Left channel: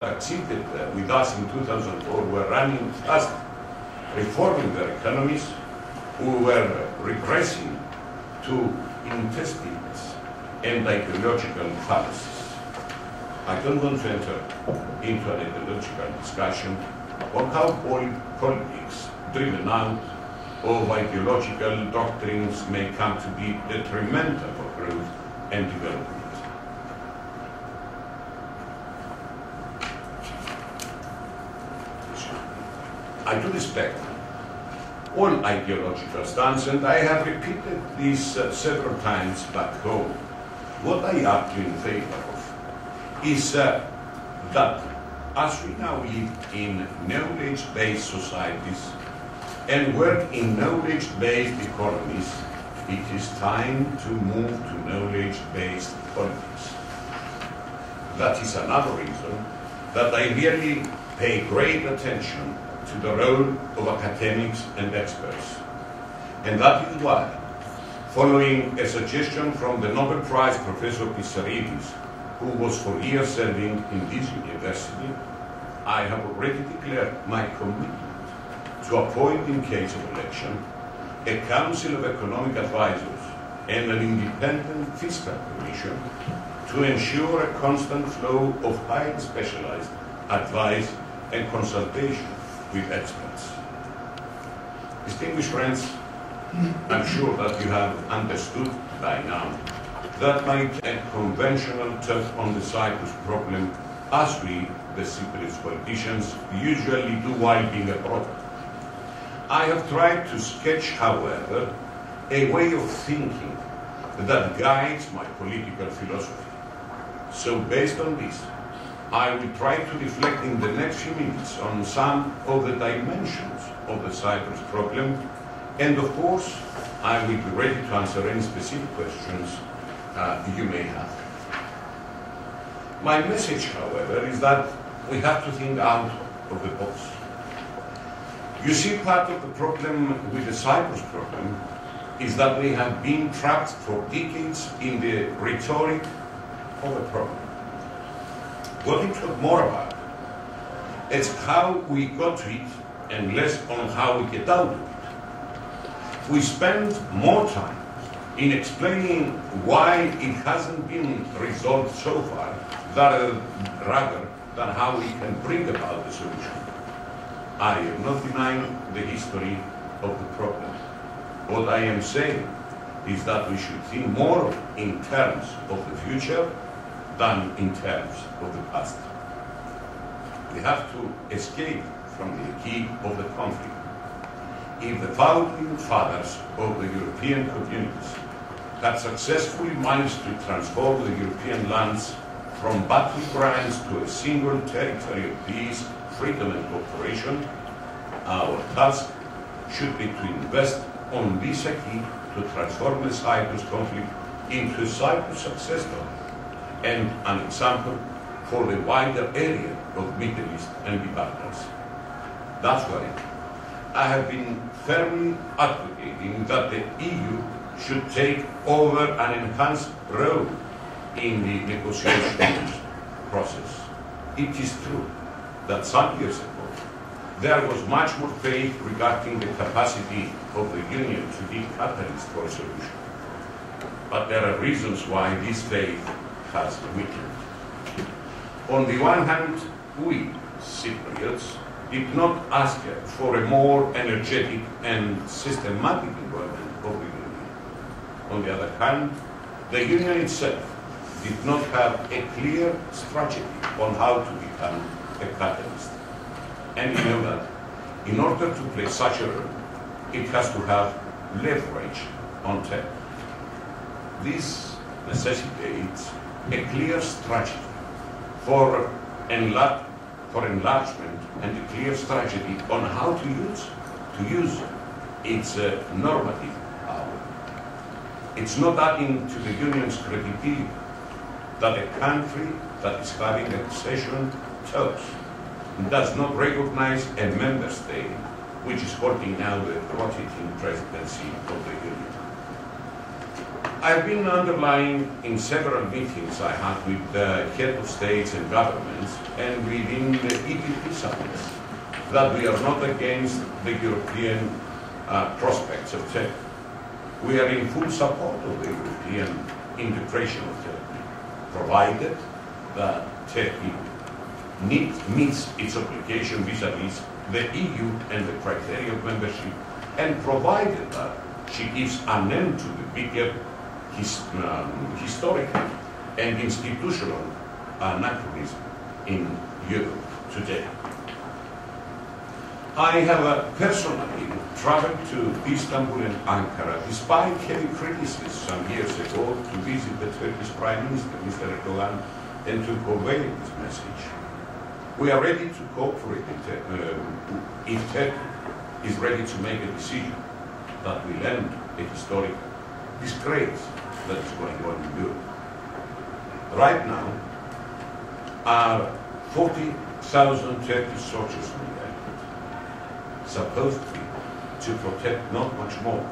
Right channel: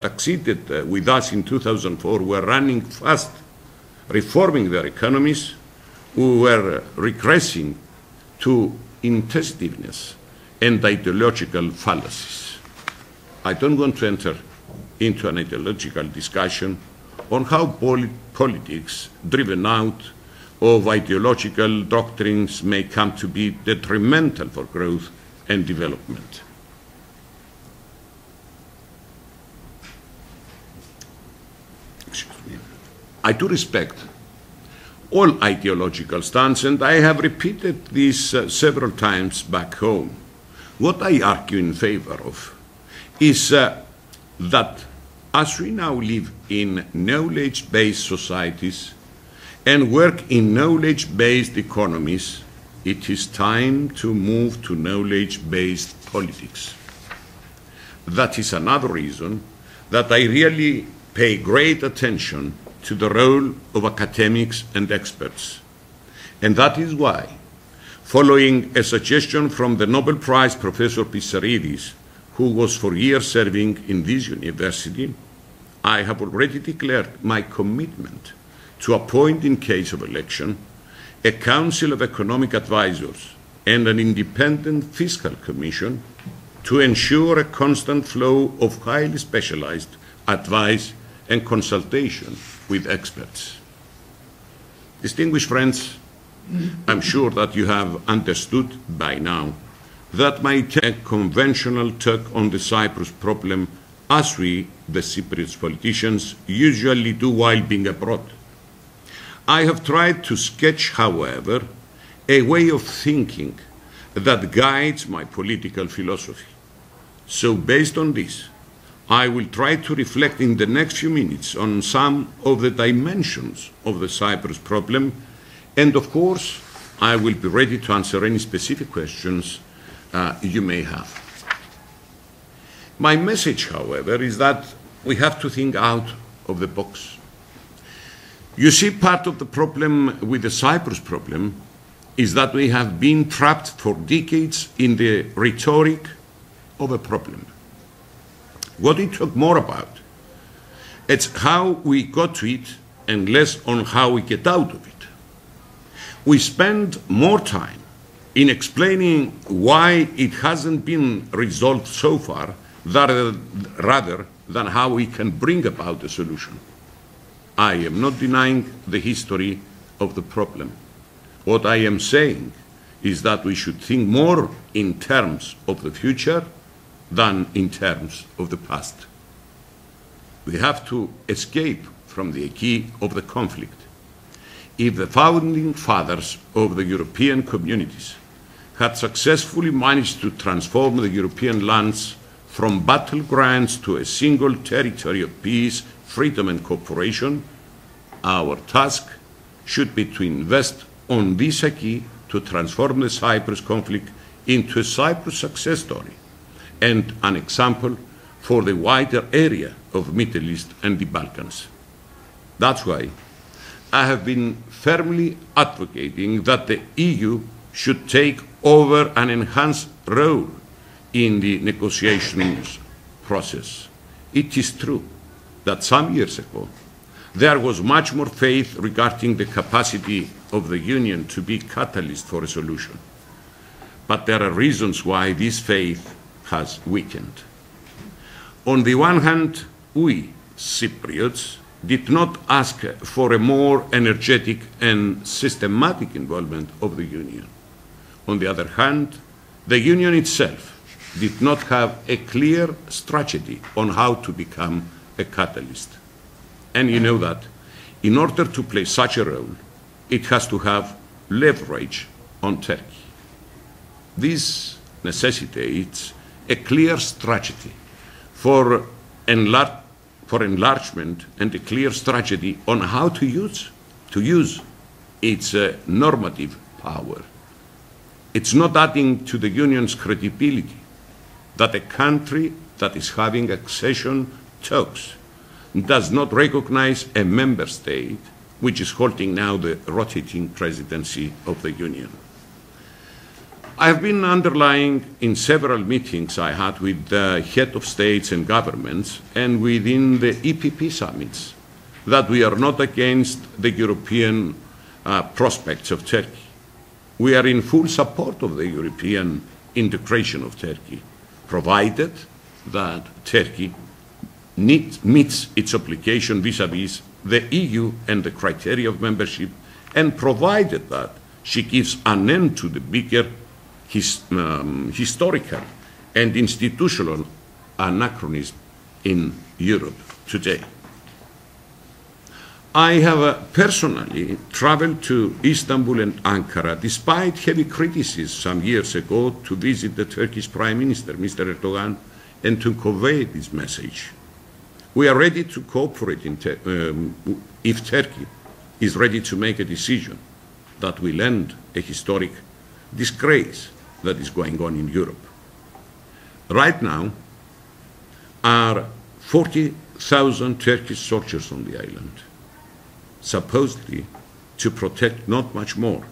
succeeded with us in 2004 were running fast, reforming their economies, who were regressing to intentiveness and ideological fallacies. I don't want to enter into an ideological discussion on how politics driven out of ideological doctrines may come to be detrimental for growth and development. I do respect all ideological stances, and I have repeated this several times back home. What I argue in favor of is that as we now live in knowledge-based societies and work in knowledge-based economies, it is time to move to knowledge-based politics. That is another reason that I really pay great attention to the role of academics and experts. And that is why, following a suggestion from the Nobel Prize Professor Pissarides, who was for years serving in this university, I have already declared my commitment to appoint, in case of election, a Council of Economic Advisors and an independent fiscal commission to ensure a constant flow of highly specialized advice and consultation with experts. Distinguished friends, I'm sure that you have understood by now that my conventional take on the Cyprus problem, as we, the Cypriot politicians, usually do while being abroad. I have tried to sketch, however, a way of thinking that guides my political philosophy. So based on this, I will try to reflect in the next few minutes on some of the dimensions of the Cyprus problem, and of course, I will be ready to answer any specific questions you may have. My message, however, is that we have to think out of the box. You see, part of the problem with the Cyprus problem is that we have been trapped for decades in the rhetoric of a problem. What it talk more about, it's how we got to it and less on how we get out of it. We spend more time in explaining why it hasn't been resolved so far rather than how we can bring about a solution. I am not denying the history of the problem. What I am saying is that we should think more in terms of the future than in terms of the past. We have to escape from the key of the conflict. If the founding fathers of the European communities had successfully managed to transform the European lands from battlegrounds to a single territory of peace, freedom and cooperation, our task should be to invest on this key to transform the Cyprus conflict into a Cyprus success story and an example for the wider area of the Middle East and the Balkans. That's why I have been firmly advocating that the EU should take over an enhanced role in the negotiations process. It is true that some years ago there was much more faith regarding the capacity of the Union to be catalyst for a solution. But there are reasons why this faith has weakened. On the one hand, we, Cypriots, did not ask for a more energetic and systematic involvement of the Union. On the other hand, the Union itself did not have a clear strategy on how to become a catalyst. And you know that in order to play such a role, it has to have leverage on Turkey. This necessitates a clear strategy for enlargement and a clear strategy on how to use its normative power. It's not adding to the Union's credibility that a country that is having accession talks does not recognize a member state which is holding now the rotating presidency of the Union. I have been underlying in several meetings I had with the head of states and governments and within the EPP summits that we are not against the European prospects of Turkey. We are in full support of the European integration of Turkey, provided that Turkey meets its obligation vis-à-vis the EU and the criteria of membership, and provided that she gives an end to the bigger historical and institutional anachronism in Europe today. I have personally traveled to Istanbul and Ankara, despite heavy criticism some years ago, to visit the Turkish Prime Minister, Mr. Erdogan, and to convey this message. We are ready to cooperate if Turkey is ready to make a decision that will end a historic disgrace that is going on in Europe. Right now, are 40,000 Turkish soldiers on the island, supposedly to protect not much more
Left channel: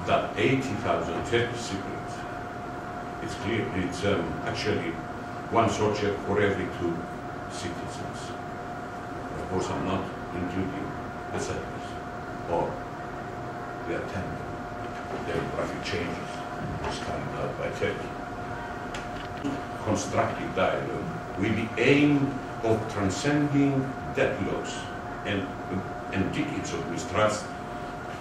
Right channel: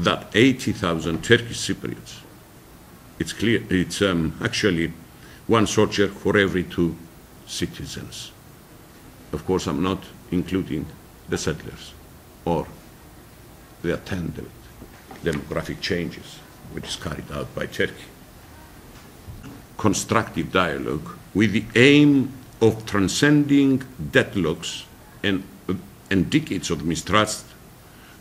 than 80,000 Turkish Cypriots. It's clear, it's actually one soldier for every 2 citizens. Of course, I'm not including the settlers or the attendant demographic changes which is carried out by Turkey. Constructive dialogue with the aim of transcending deadlocks and decades of mistrust,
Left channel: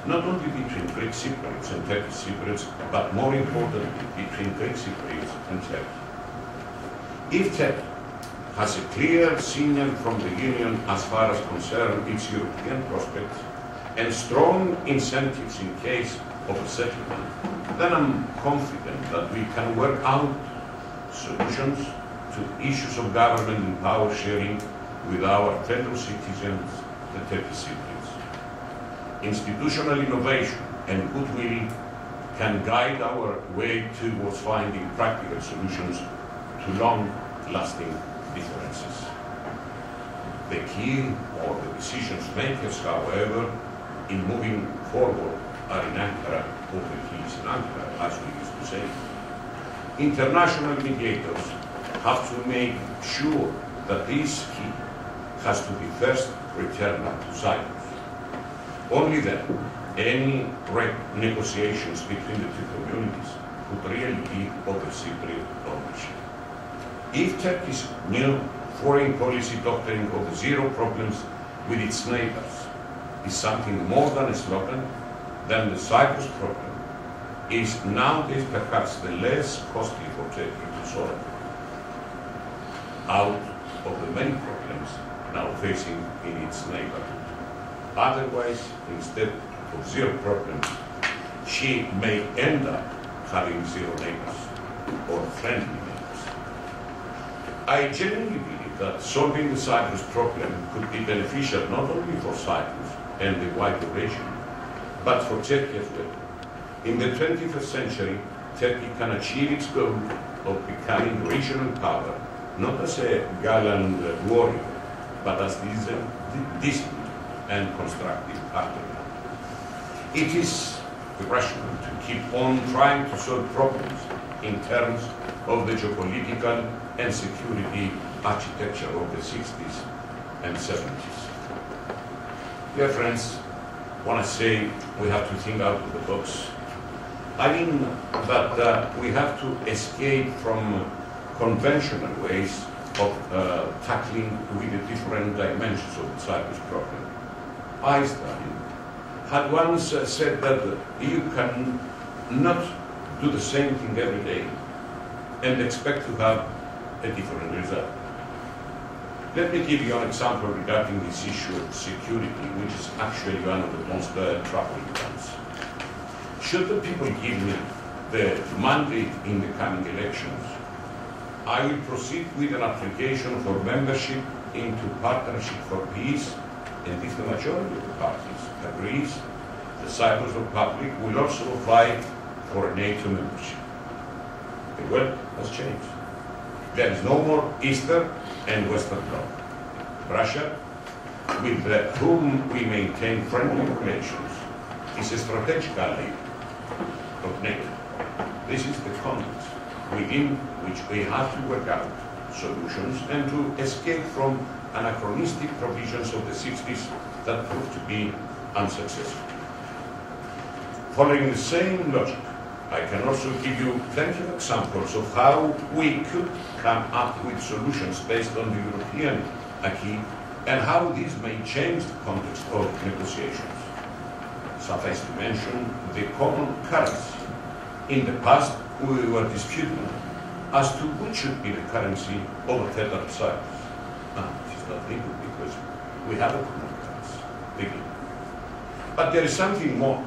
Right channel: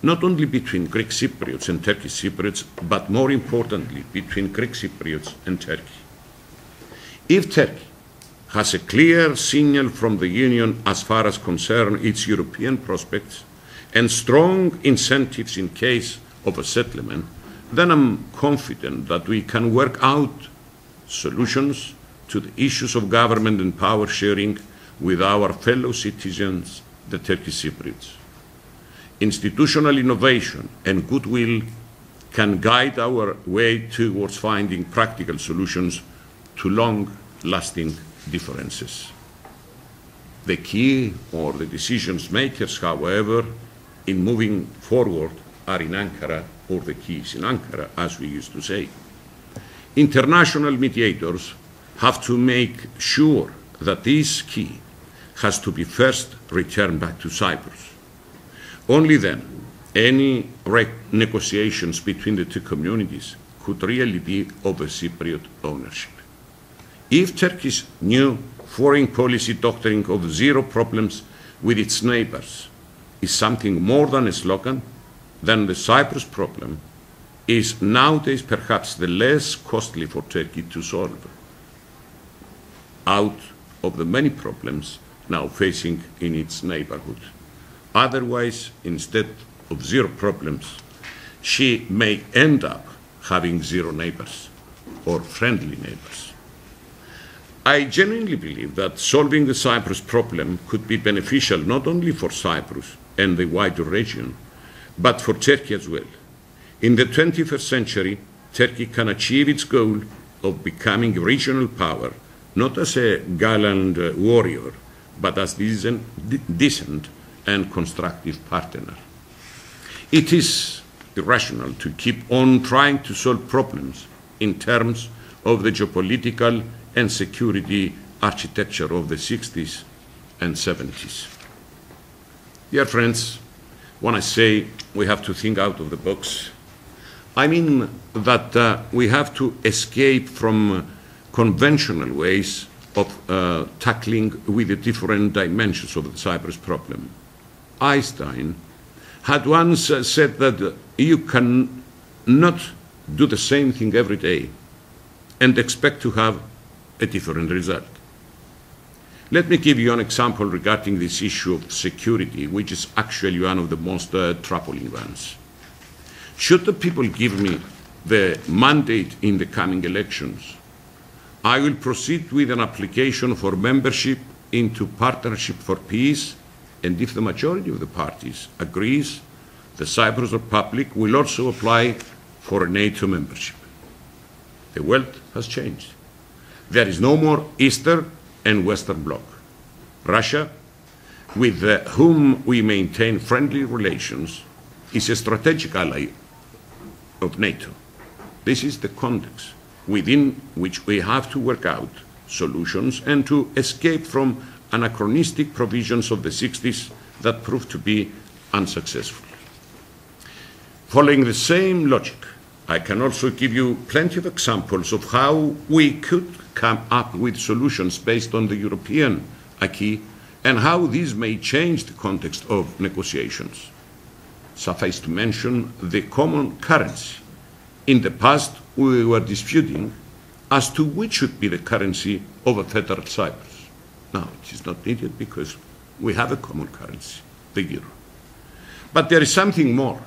not only between Greek Cypriots and Turkish Cypriots, but more importantly, between Greek Cypriots and Turkey. If Turkey has a clear signal from the Union as far as concerns its European prospects and strong incentives in case of a settlement, then I'm confident that we can work out solutions to the issues of government and power sharing with our fellow citizens, the Turkish Cypriots. Institutional innovation and goodwill can guide our way towards finding practical solutions to long-lasting differences. The key, or the decisions makers, however, in moving forward are in Ankara, or the key is in Ankara, as we used to say. International mediators have to make sure that this key has to be first returned back to Cyprus. Only then, any negotiations between the two communities could really give over Cypriot ownership. If Turkey's new foreign policy doctrine of 0 problems with its neighbors is something more than a slogan, then the Cyprus problem is nowadays perhaps the less costly for Turkey to solve out of the many problems now facing in its neighborhood. Otherwise, instead of 0 problems, she may end up having 0 neighbors or friendly neighbors. I genuinely believe that solving the Cyprus problem could be beneficial not only for Cyprus and the wider region, but for Turkey as well. In the 21st century, Turkey can achieve its goal of becoming a regional power, not as a gallant warrior, but as decent and constructive partner. It is irrational to keep on trying to solve problems in terms of the geopolitical and security architecture of the 60s and 70s. Dear friends, when I say we have to think out of the box, I mean that we have to escape from conventional ways of tackling with the different dimensions of the Cyprus problem. Einstein had once said that you can not do the same thing every day and expect to have a different result. Let me give you an example regarding this issue of security, which is actually one of the most troubling ones. Should the people give me the mandate in the coming elections, I will proceed with an application for membership into Partnership for Peace, and if the majority of the parties agrees, the Cyprus Republic will also apply for a NATO membership. The world has changed. There is no more Eastern and Western Bloc. Russia, with whom we maintain friendly relations, is a strategic ally of NATO. This is the context within which we have to work out solutions and to escape from anachronistic provisions of the 60s that proved to be unsuccessful. Following the same logic, I can also give you plenty of examples of how we could come up with solutions based on the European acquis and how these may change the context of negotiations. Suffice to mention the common currency. In the past, we were disputing as to which should be the currency of a federal Cyprus. Now, it is not needed because we have a common currency, the euro. But there is something more,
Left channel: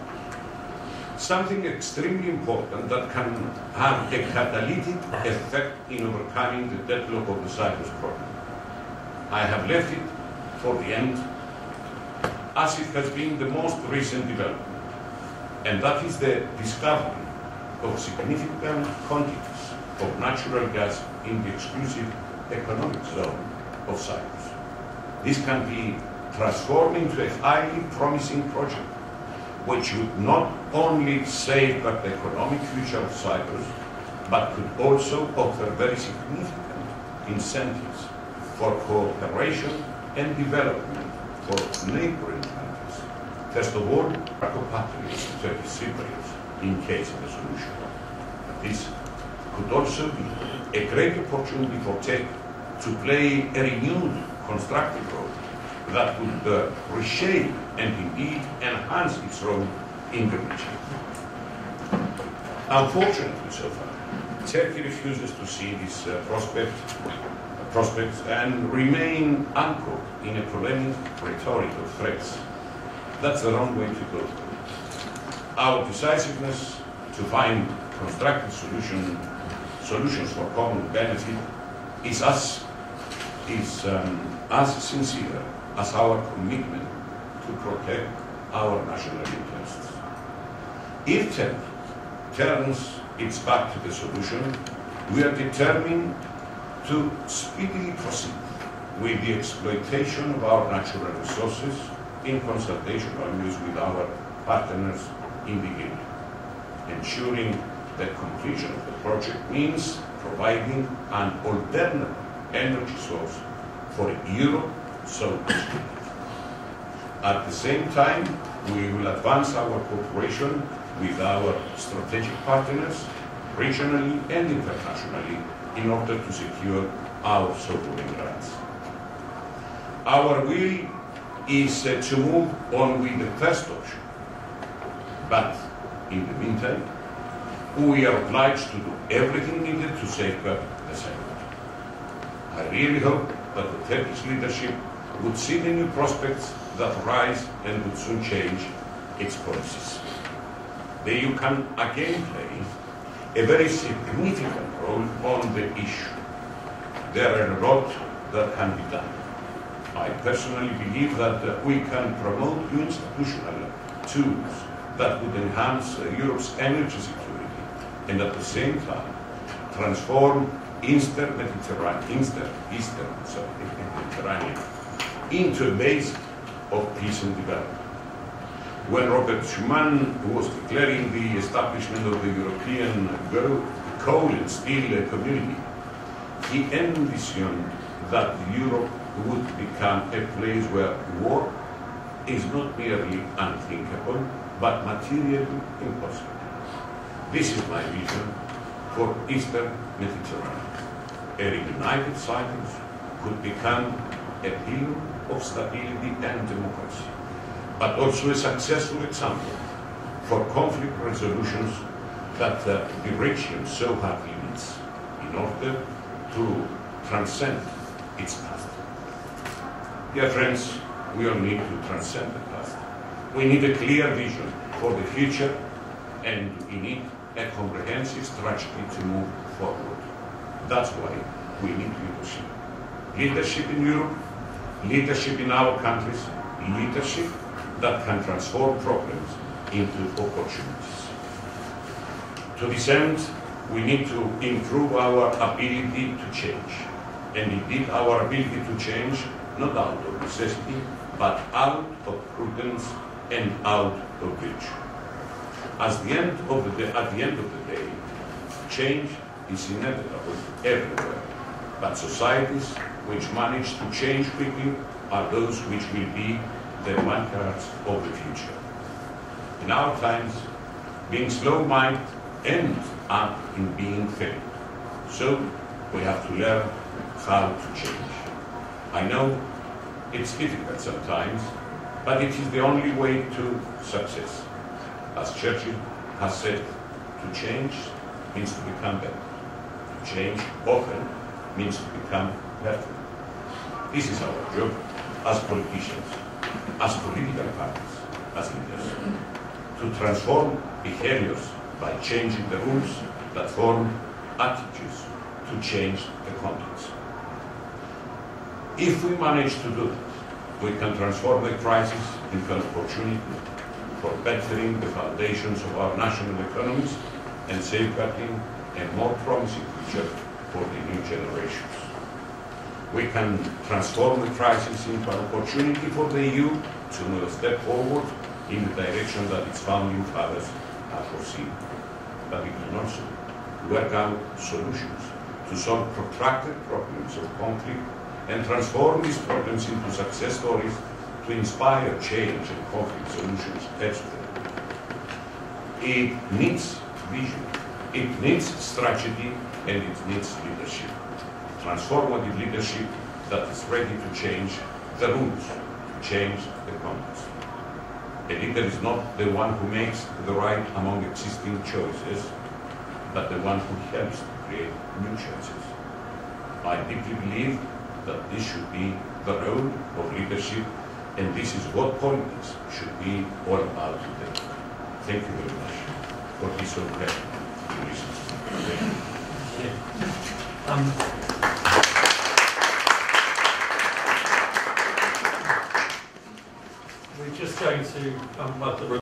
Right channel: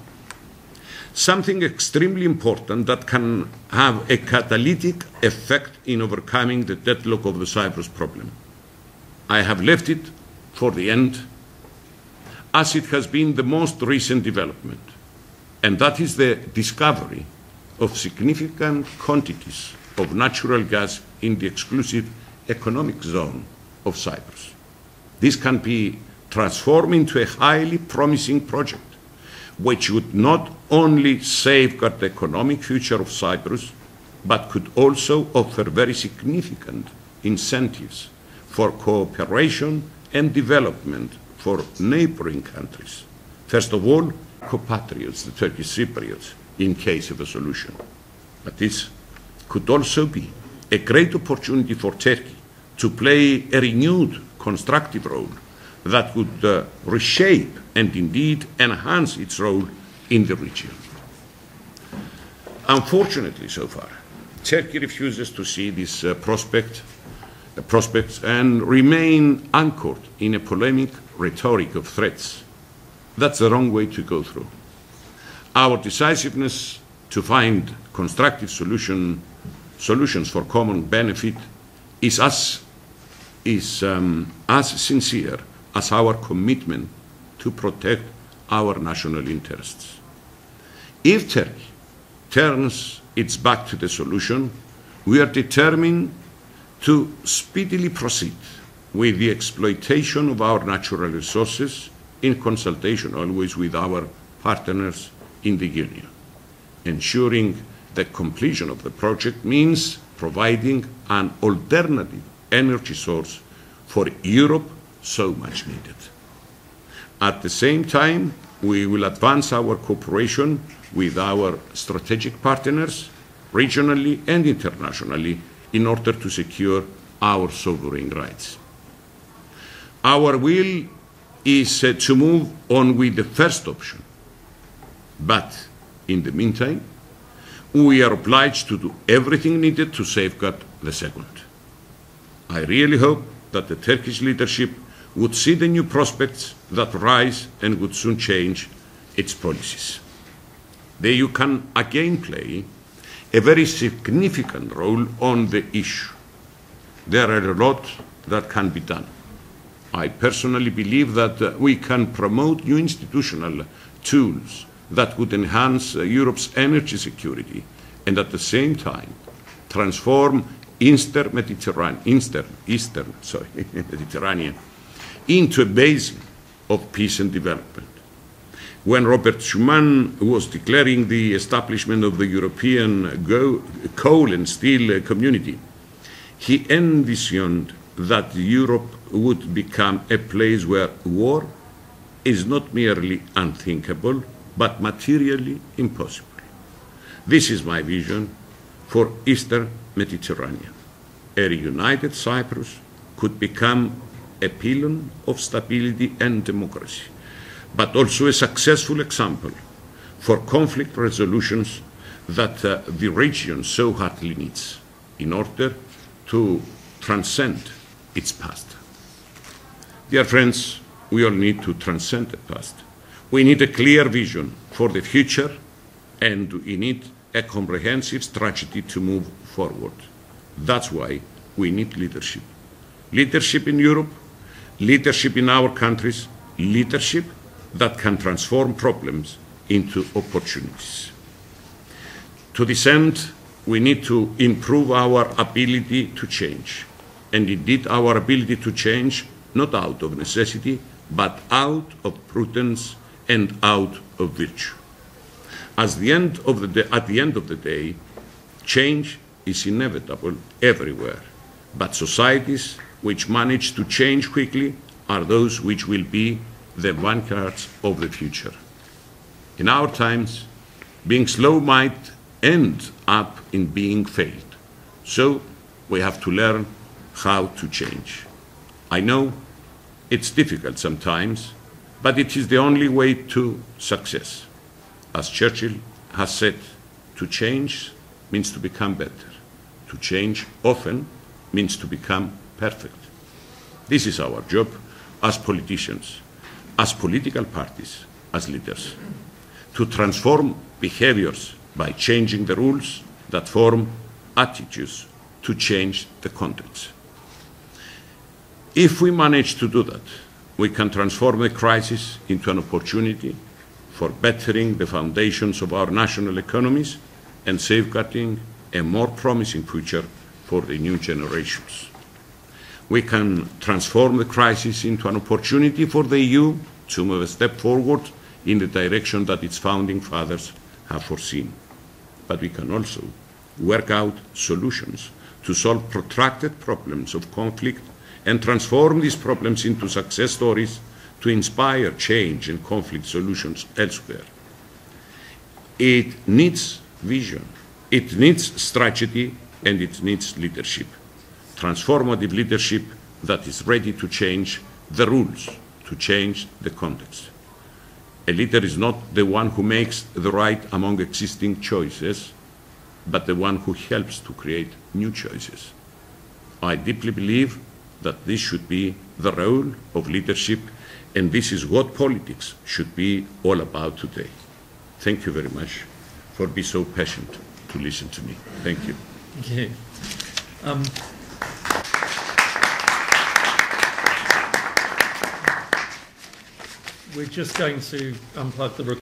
something extremely important that can have a catalytic effect in overcoming the deadlock of the Cyprus problem. I have left it for the end, as it has been the most recent development, and that is the discovery of significant quantities of natural gas in the exclusive economic zone of Cyprus. This can be transformed into a highly promising project, which would not only safeguard the economic future of Cyprus, but could also offer very significant incentives for cooperation and development for neighboring countries. First of all, compatriots, the Turkish Cypriots, in case of a solution. But this could also be a great opportunity for Turkey to play a renewed constructive role that would reshape and indeed enhance its role in the region. Unfortunately, so far, Turkey refuses to see this prospects and remain anchored in a polemic rhetoric of threats. That's the wrong way to go through. Our decisiveness to find constructive solutions for common benefit is as sincere as our commitment to protect our national interests. If Turkey turns its back to the solution, we are determined to speedily proceed with the exploitation of our natural resources in consultation always with our partners in the Union. Ensuring the completion of the project means providing an alternative energy source for Europe so much needed. At the same time, we will advance our cooperation with our strategic partners, regionally and internationally, in order to secure our sovereign rights. Our will is to move on with the first option, but in the meantime, we are obliged to do everything needed to safeguard the second. I really hope that the Turkish leadership would see the new prospects that rise and would soon change its policies. The EU can again play a very significant role on the issue. There are a lot that can be done. I personally believe that we can promote new institutional tools that would enhance Europe's energy security and at the same time transform Eastern Mediterranean into a base of peace and development. When Robert Schuman was declaring the establishment of the European coal and steel community, he envisioned that Europe would become a place where war is not merely unthinkable, but materially impossible. This is my vision for Eastern Mediterranean. A reunited Cyprus could become a pillar of stability and democracy, but also a successful example for conflict resolutions that the region so hardly needs in order to transcend its past. Dear friends, we all need to transcend the past. We need a clear vision for the future, and we need a comprehensive strategy to move forward. That's why we need leadership. Leadership in Europe, leadership in our countries, leadership that can transform problems into opportunities. To this end, we need to improve our ability to change, and indeed our ability to change not out of necessity, but out of prudence and out of virtue. At the end of the day, Change is inevitable everywhere, but societies which manage to change quickly are those which will be the vanguards of the future. In our times, being slow might end up in being failed. So we have to learn how to change. I know it's difficult sometimes, but it is the only way to success. As Churchill has said, to change means to become better. To change often means to become perfect. This is our job as politicians, as political parties, as leaders, to transform behaviors by changing the rules that form attitudes to change the context. If we manage to do that, we can transform the crisis into an opportunity for bettering the foundations of our national economies and safeguarding a more promising future for the new generations. We can transform the crisis into an opportunity for the EU to move a step forward in the direction that its founding fathers have foreseen. But we can also work out solutions to solve protracted problems of conflict and transform these problems into success stories to inspire change and conflict solutions elsewhere. It needs vision, it needs strategy, and it needs leadership. Transformative leadership that is ready to change the rules, to change the context. A leader is not the one who makes the right among existing choices, but the one who helps to create new choices. I deeply believe that this should be the role of leadership, and this is what politics should be all about today. Thank you very much for being so patient to listen to me. Thank you. Thank you. We're just going to unplug the